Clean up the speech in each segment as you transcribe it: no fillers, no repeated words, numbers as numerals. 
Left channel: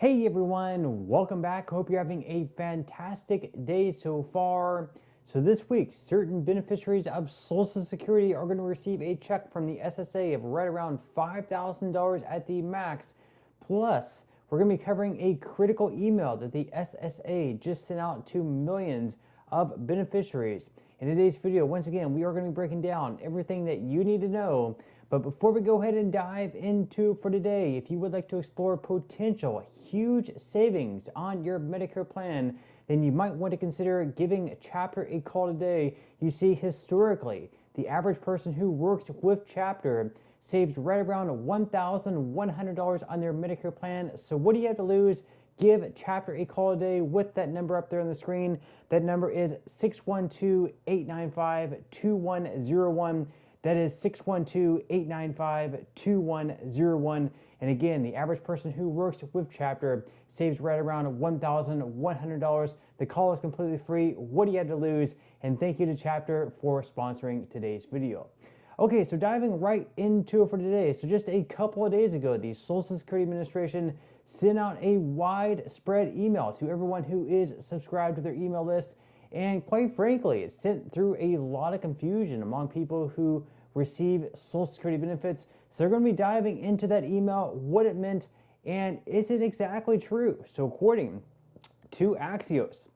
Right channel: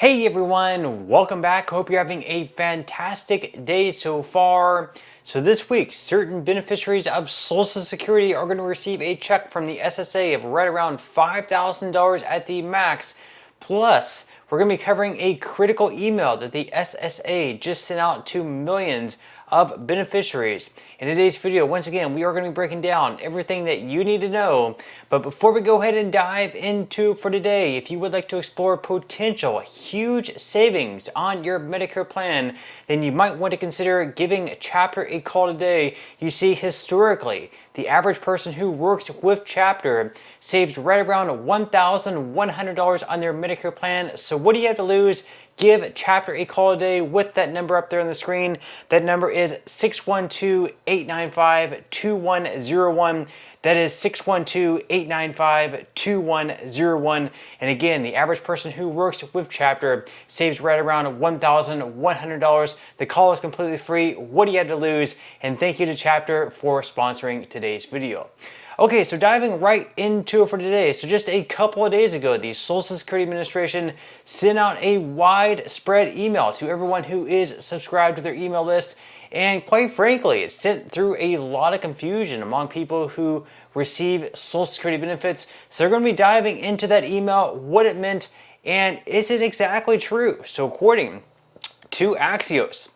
Hey everyone, welcome back. Hope you're having a fantastic day so far. So this week, certain beneficiaries of Social Security are going to receive a check from the SSA of right around $5,000 at the max. Plus, we're going to be covering a critical email that the SSA just sent out to millions of beneficiaries. In today's video, once again, we are going to be breaking down everything that you need to know. But before we go ahead and dive into for today, if you would like to explore potential huge savings on your Medicare plan, then you might want to consider giving Chapter a call today. You see, historically, the average person who works with Chapter saves right around $1,100 on their Medicare plan. So what do you have to lose? Give Chapter a call today with that number up there on the screen. That number is 612-895-2101. That is 612-895-2101. And again, the average person who works with Chapter saves right around $1,100. The call is completely free. What do you have to lose? And thank you to Chapter for sponsoring today's video. Okay, so diving right into it for today. So just a couple of days ago, the Social Security Administration sent out a widespread email to everyone who is subscribed to their email list. And quite frankly, it sent through a lot of confusion among people who receive Social Security benefits. So they're going to be diving into that email, what it meant, and is it exactly true? So according to Axios,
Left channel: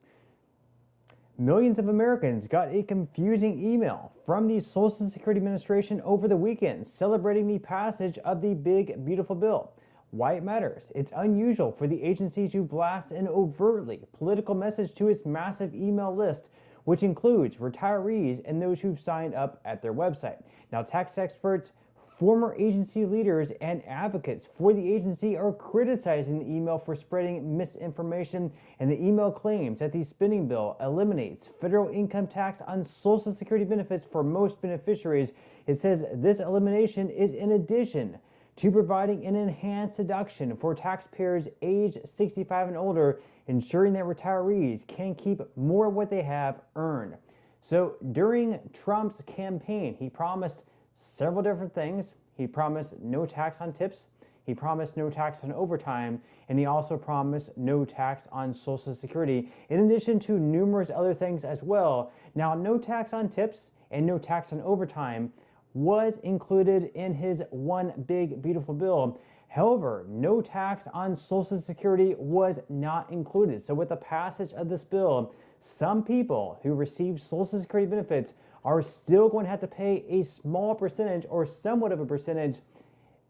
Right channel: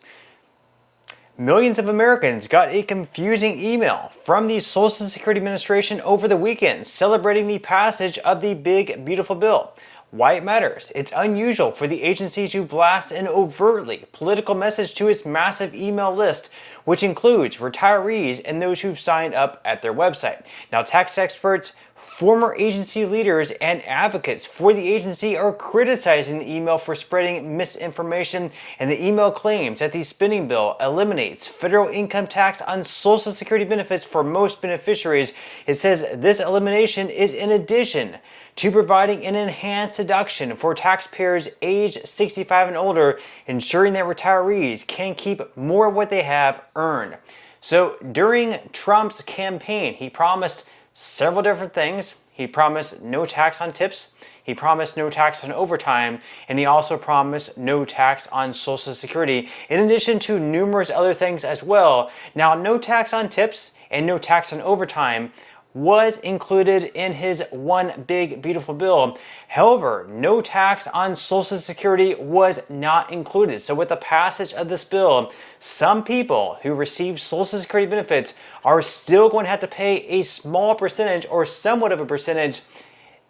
millions of Americans got a confusing email from the Social Security Administration over the weekend celebrating the passage of the big, beautiful bill. Why it matters. It's unusual for the agency to blast an overtly political message to its massive email list, which includes retirees and those who've signed up at their website. Now, tax experts, former agency leaders, and advocates for the agency are criticizing the email for spreading misinformation, and the email claims that the spending bill eliminates federal income tax on Social Security benefits for most beneficiaries. It says this elimination is in addition to providing an enhanced deduction for taxpayers aged 65 and older, ensuring that retirees can keep more of what they have earned. So during Trump's campaign, he promised several different things. He promised no tax on tips, he promised no tax on overtime, and he also promised no tax on Social Security, in addition to numerous other things as well. Now, no tax on tips and no tax on overtime was included in his one big beautiful bill. However, no tax on Social Security was not included. So with the passage of this bill, some people who receive Social Security benefits are still going to have to pay a small percentage or somewhat of a percentage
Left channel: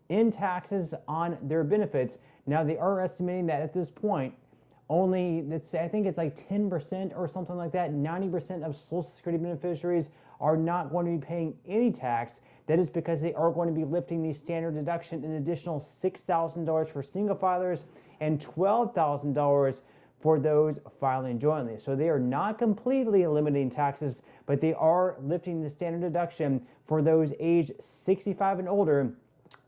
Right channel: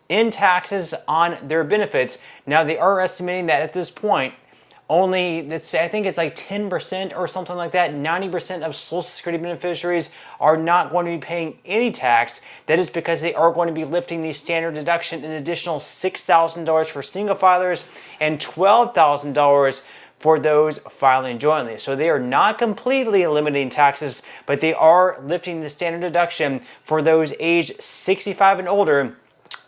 in taxes on their benefits. Now, they are estimating that at this point, I think it's like 10% or something like that. 90% of Social Security beneficiaries are not going to be paying any tax. That is because they are going to be lifting the standard deduction an additional $6,000 for single filers and $12,000 for those filing jointly. So they are not completely eliminating taxes, but they are lifting the standard deduction for those aged 65 and older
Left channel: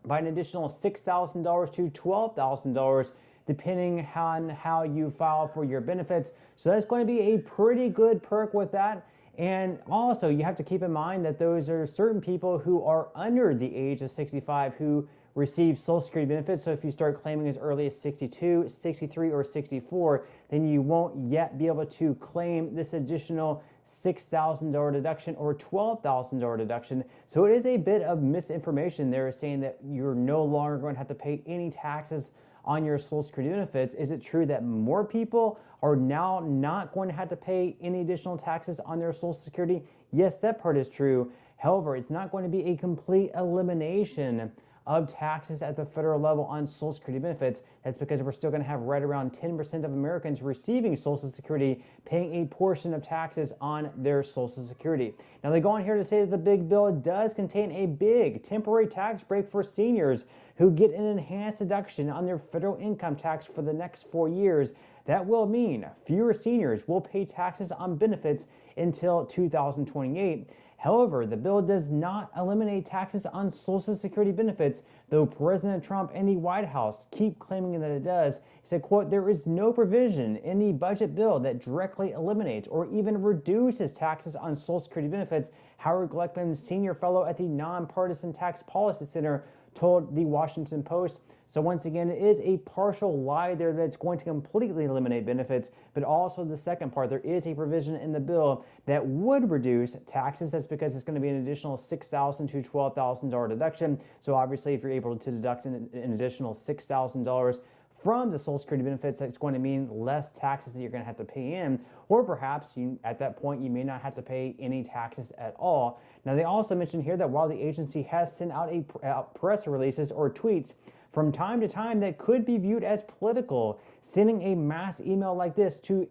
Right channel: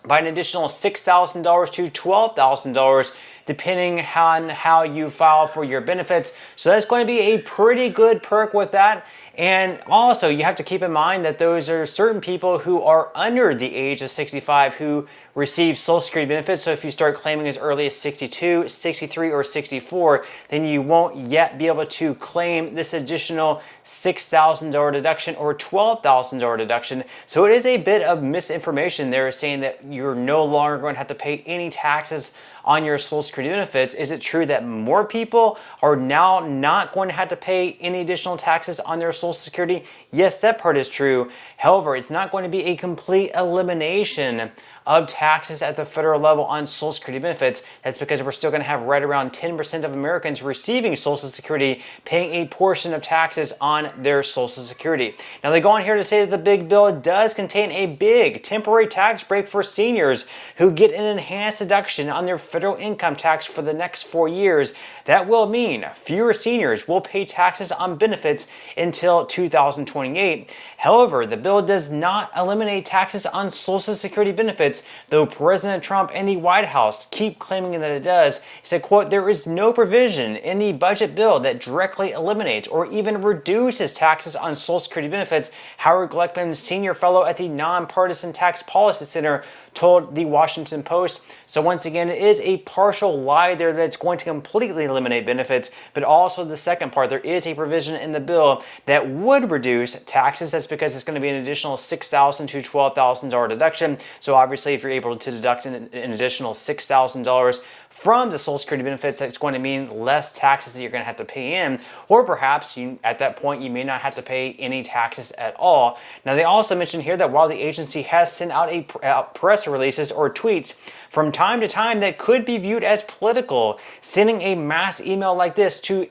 by an additional $6,000 to $12,000, depending on how you file for your benefits. So that's going to be a pretty good perk with that. And also, you have to keep in mind that those are certain people who are under the age of 65 who receive Social Security benefits. So if you start claiming as early as 62, 63, or 64, then you won't yet be able to claim this additional $6,000 deduction or $12,000 deduction. So it is a bit of misinformation there saying that you're no longer going to have to pay any taxes on your Social Security benefits. Is it true that more people are now not going to have to pay any additional taxes on their Social Security? Yes, that part is true. However, it's not going to be a complete elimination of taxes at the federal level on Social Security benefits. That's because we're still going to have right around 10% of Americans receiving Social Security paying a portion of taxes on their Social Security. Now, they go on here to say that the big bill does contain a big temporary tax break for seniors who get an enhanced deduction on their federal income tax for the next 4 years. That will mean fewer seniors will pay taxes on benefits until 2028. However, the bill does not eliminate taxes on Social Security benefits, though President Trump and the White House keep claiming that it does. He said, quote, "There is no provision in the budget bill that directly eliminates or even reduces taxes on Social Security benefits." Howard Gleckman, senior fellow at the Nonpartisan Tax Policy Center, told the Washington Post. So once again, it is a partial lie there that's going to completely eliminate benefits, but also the second part, there is a provision in the bill that would reduce taxes. That's because it's going to be an additional $6,000 to $12,000 deduction. So obviously, if you're able to deduct an additional $6,000 from the Social Security benefits, that's going to mean less taxes that you're going to have to pay in, or perhaps at that point you may not have to pay any taxes at all. Now, they also mentioned here that while the agency has sent out press releases or tweets from time to time that could be viewed as political, sending a mass email like this to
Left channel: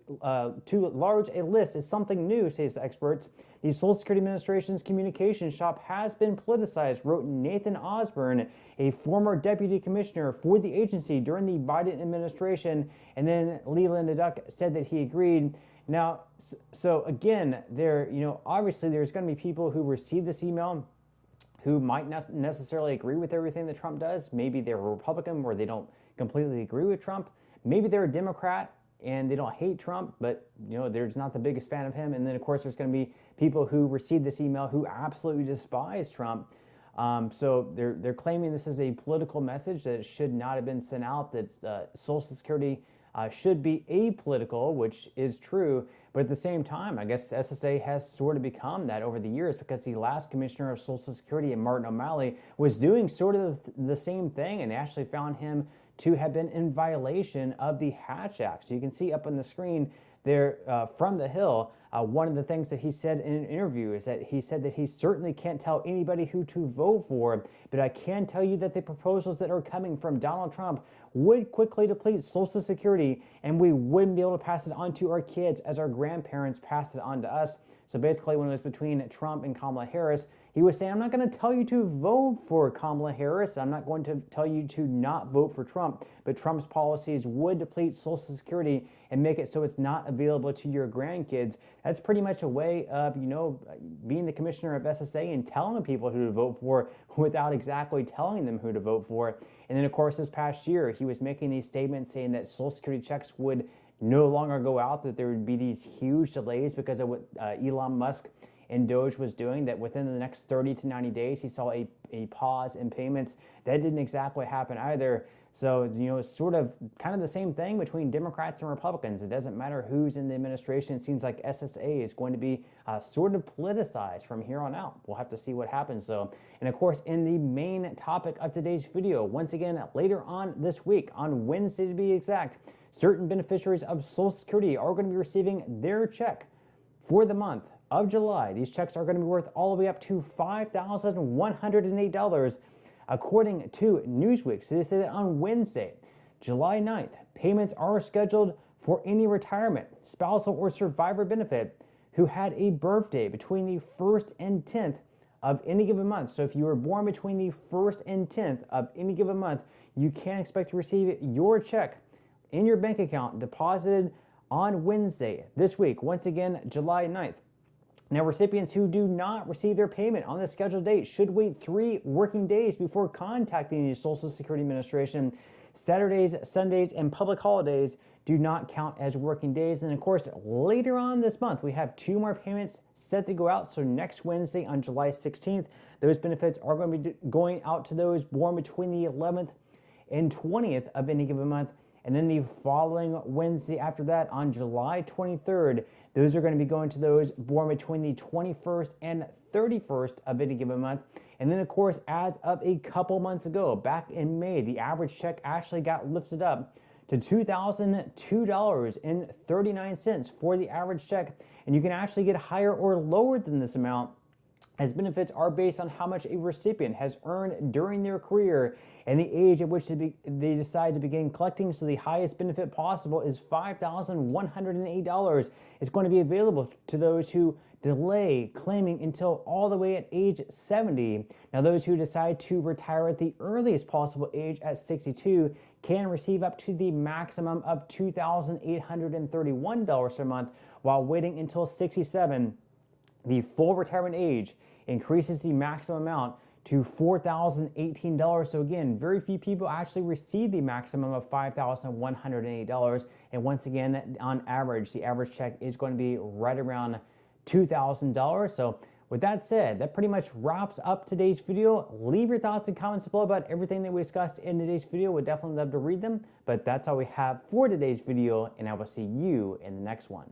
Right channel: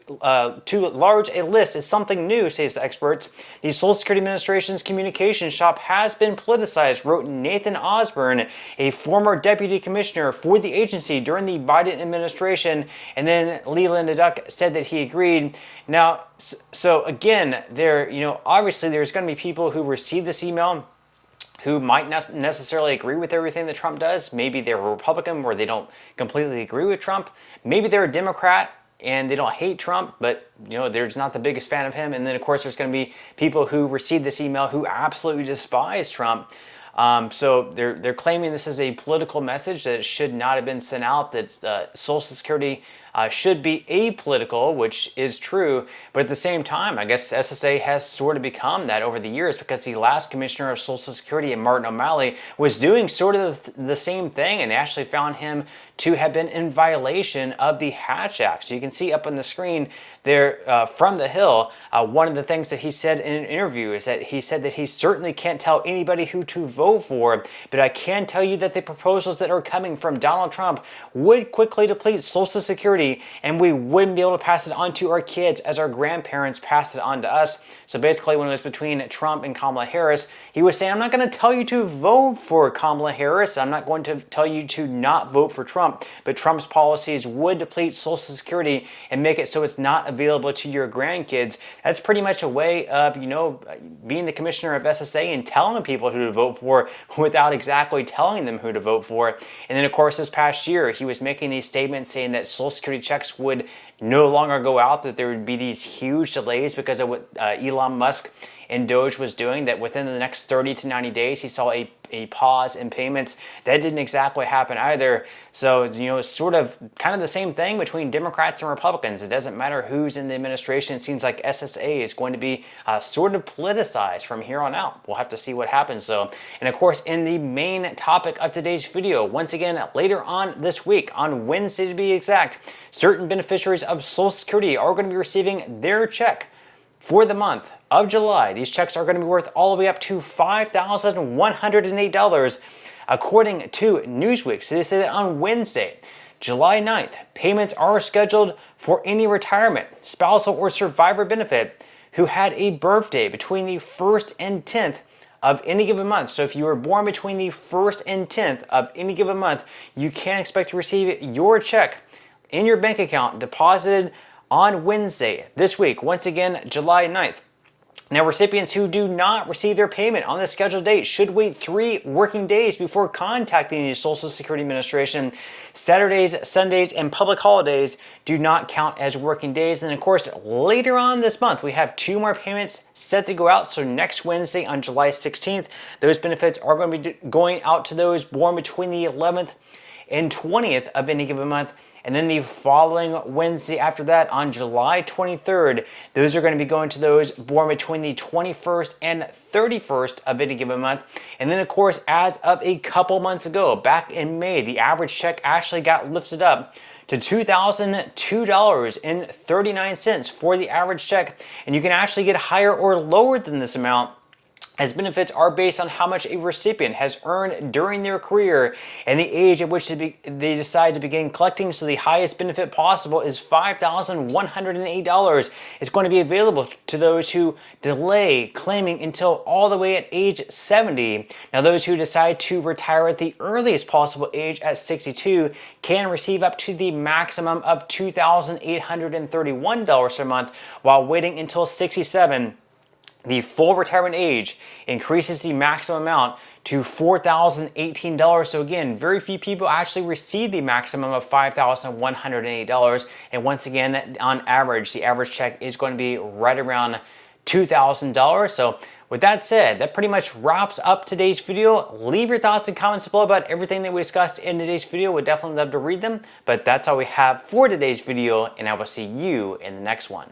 large a list is something new, says experts. The Social Security Administration's communication shop has been politicized, wrote Nathan Osborne, a former deputy commissioner for the agency during the Biden administration. And then Leland Duck said that he agreed. Now, so again, obviously there's going to be people who receive this email who might not necessarily agree with everything that Trump does. Maybe they're a Republican where they don't completely agree with Trump. Maybe they're a Democrat and they don't hate Trump, but they're just not the biggest fan of him. And then of course there's going to be people who receive this email who absolutely despise Trump. So they're claiming this is a political message, that it should not have been sent out, that Social Security should be apolitical, which is true. But at the same time, I guess SSA has sort of become that over the years, because the last commissioner of Social Security, Martin O'Malley, was doing sort of the same thing, and they actually found him to have been in violation of the Hatch Act. So you can see up on the screen there from the Hill, one of the things that he said in an interview is that he said that he certainly can't tell anybody who to vote for, but I can tell you that the proposals that are coming from Donald Trump would quickly deplete Social Security, and we wouldn't be able to pass it on to our kids as our grandparents passed it on to us. So basically, when it was between Trump and Kamala Harris, he was saying, I'm not going to tell you to vote for Kamala Harris. I'm not going to tell you to not vote for Trump, but Trump's policies would deplete Social Security and make it so it's not available to your grandkids. That's pretty much a way of, being the commissioner of SSA and telling people who to vote for without exactly telling them who to vote for. And then, of course, this past year, he was making these statements saying that Social Security checks would no longer go out, that there would be these huge delays because of what Elon Musk and Doge was doing, that within the next 30 to 90 days, he saw a pause in payments. That didn't exactly happen either. So, it's sort of kind of the same thing between Democrats and Republicans. It doesn't matter who's in the administration. It seems like SSA is going to be sort of politicized from here on out. We'll have to see what happens, though. And of course, in the main topic of today's video, once again, later on this week, on Wednesday to be exact, certain beneficiaries of Social Security are going to be receiving their check for the month of July. These checks are going to be worth all the way up to $5,108, according to Newsweek. So they say that on Wednesday, July 9th, payments are scheduled for any retirement, spousal, or survivor benefit who had a birthday between the 1st and 10th of any given month. So if you were born between the 1st and 10th of any given month, you can expect to receive your check in your bank account deposited on Wednesday this week, once again, July 9th. Now, recipients who do not receive their payment on the scheduled date should wait 3 working days before contacting the Social Security Administration. Saturdays, Sundays, and public holidays do not count as working days. And of course, later on this month, we have 2 more payments set to go out. So next Wednesday on July 16th, those benefits are going to be going out to those born between the 11th and 20th of any given month. And then the following Wednesday after that, on July 23rd, those are going to be going to those born between the 21st and 31st of any given month. And then, of course, as of a couple months ago, back in May, the average check actually got lifted up to $2,002.39 for the average check. And you can actually get higher or lower than this amount, as benefits are based on how much a recipient has earned during their career and the age at which they decide to begin collecting. So the highest benefit possible is $5,108. It's going to be available to those who delay claiming until all the way at age 70. Now, those who decide to retire at the earliest possible age at 62 can receive up to the maximum of $2,831 a month, while waiting until 67. The full retirement age increases the maximum amount to $4,018. So again, very few people actually receive the maximum of $5,108. And once again, on average, the average check is going to be right around $2,000. So With that said, that pretty much wraps up today's video. Leave your thoughts and comments below about everything that we discussed in today's video. We'd definitely love to read them, but that's all we have for today's video, and I will see you in the next one.